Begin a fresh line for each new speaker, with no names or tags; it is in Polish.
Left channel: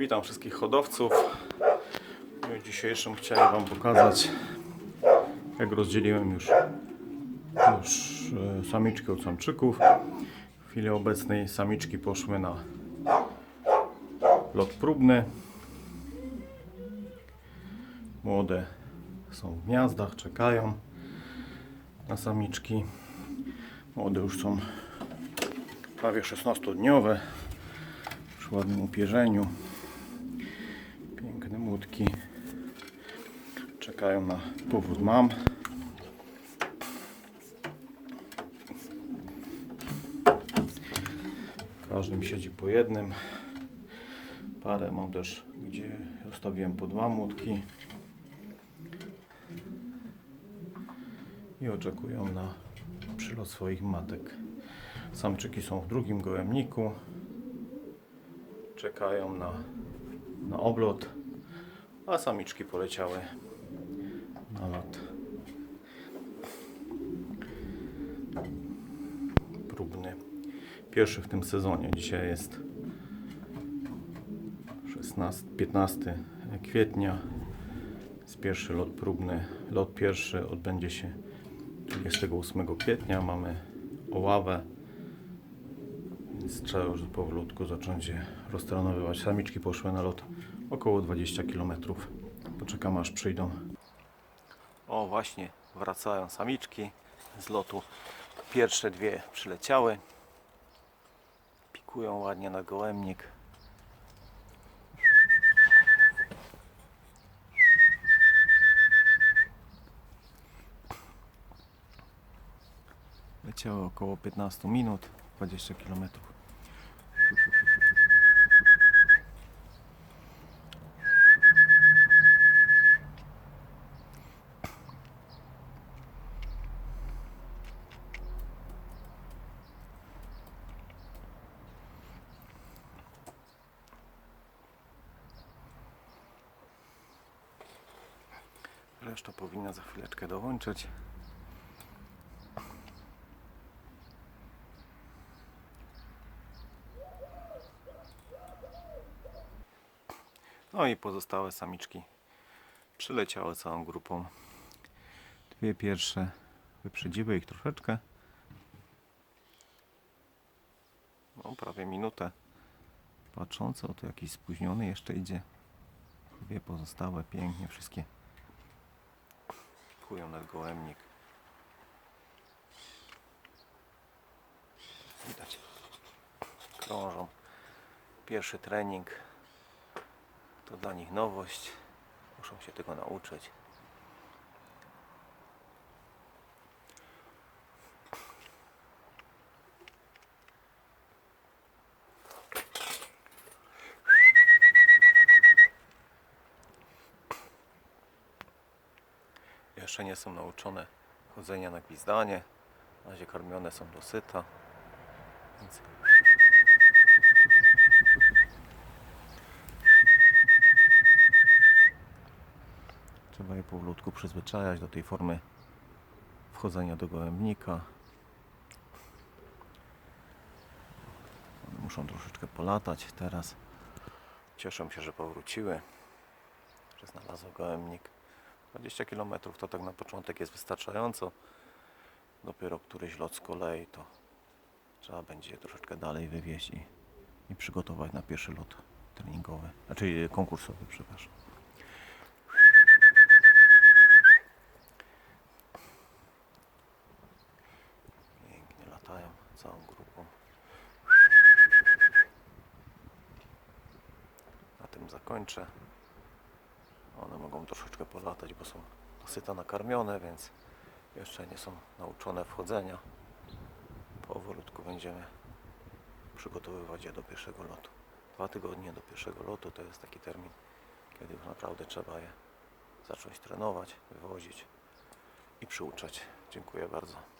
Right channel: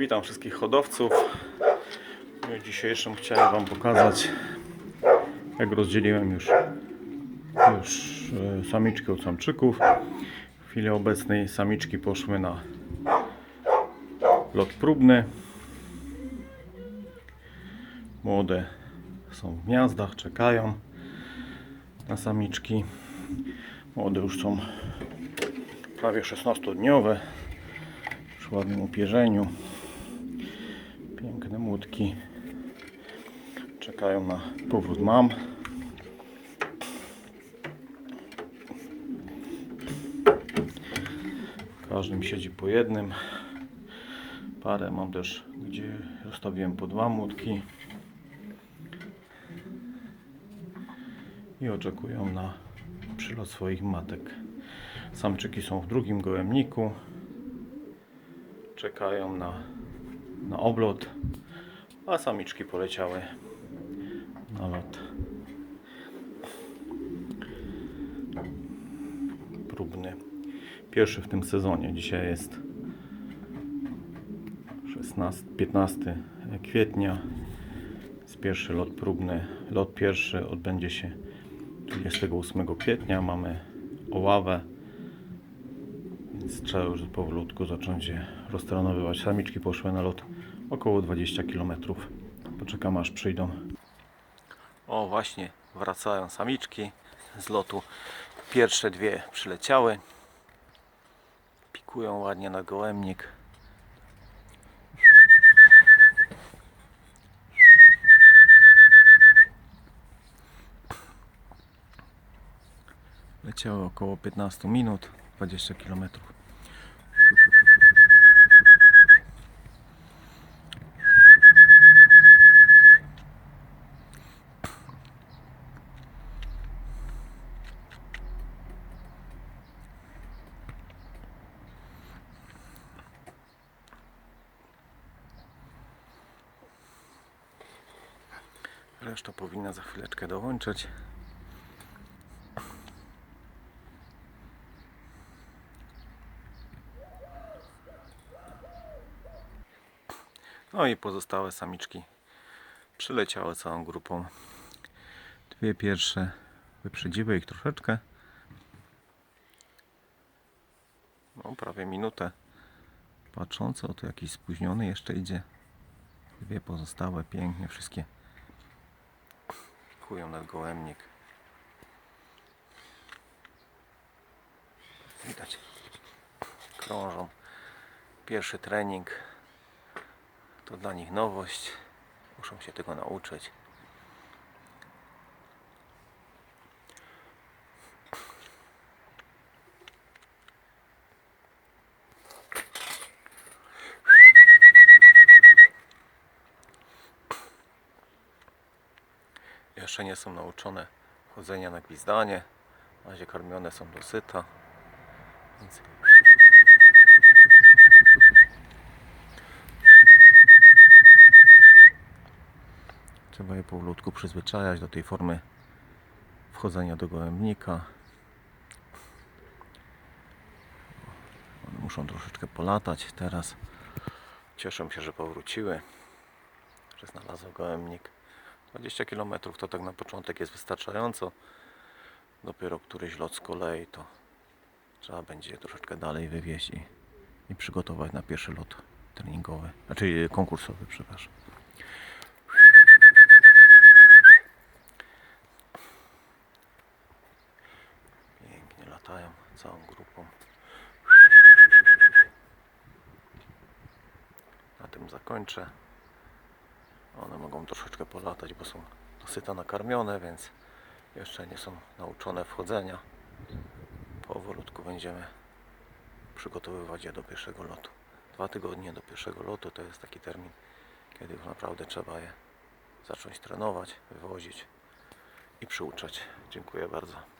Witam wszystkich hodowców. W dniu dzisiejszym chciałem Wam pokazać, jak rozdzieliłem już, już e, samiczki od samczyków. W chwili obecnej samiczki poszły na lot próbny. Młode są w gniazdach, czekają na samiczki. Młode już są prawie 16-dniowe przy ładnym upierzeniu. Piękne młotki czekają na powrót mam. Każdym siedzi po jednym. Parę mam też, gdzie zostawiłem po dwa młotki. I oczekują na przylot swoich matek. Samczyki są w drugim gołębniku. Czekają na, na oblot, a samiczki poleciały na lot. Próbny. Pierwszy w tym sezonie. Dzisiaj jest 16, 15 kwietnia. Jest pierwszy lot próbny. Lot pierwszy odbędzie się 28 kwietnia. Mamy oławę. Więc trzeba już powolutku zacząć je roztrenowywać. Samiczki poszły na lot około 20 km. Poczekam aż przyjdą. O właśnie wracają samiczki z lotu. Pierwsze dwie przyleciały. Pikują ładnie na gołębnik. Leciały około 15 minut, 20 km. Reszta powinna za chwileczkę dołączyć. No i pozostałe samiczki przyleciały całą grupą. Dwie pierwsze wyprzedziły ich troszeczkę. No prawie minutę. Patrząc, o tu jakiś spóźniony jeszcze idzie. Dwie pozostałe pięknie wszystkie kują nad gołębnik. Widać. Krążą. Pierwszy trening to dla nich nowość. Muszą się tego nauczyć. Jeszcze nie są nauczone chodzenia na gwizdanie. Na razie karmione są dosyta. Więc Trzeba je powolutku przyzwyczajać do tej formy wchodzenia do gołębnika. One muszą troszeczkę polatać teraz. Cieszę się, że powróciły, że znalazły gołębnik. 20 km to tak na początek jest wystarczająco. Dopiero któryś lot z kolei to trzeba będzie je troszeczkę dalej wywieźć i, i przygotować na pierwszy lot treningowy, znaczy konkursowy, przepraszam. Pięknie latają całą grupą. Na tym zakończę. One mogą troszeczkę polatać, bo są dosyta nakarmione, więc jeszcze nie są nauczone wchodzenia. Powolutku będziemy przygotowywać je do pierwszego lotu. Dwa tygodnie do pierwszego lotu to jest taki termin, kiedy naprawdę trzeba je zacząć trenować, wywozić i przyuczać. Dziękuję bardzo.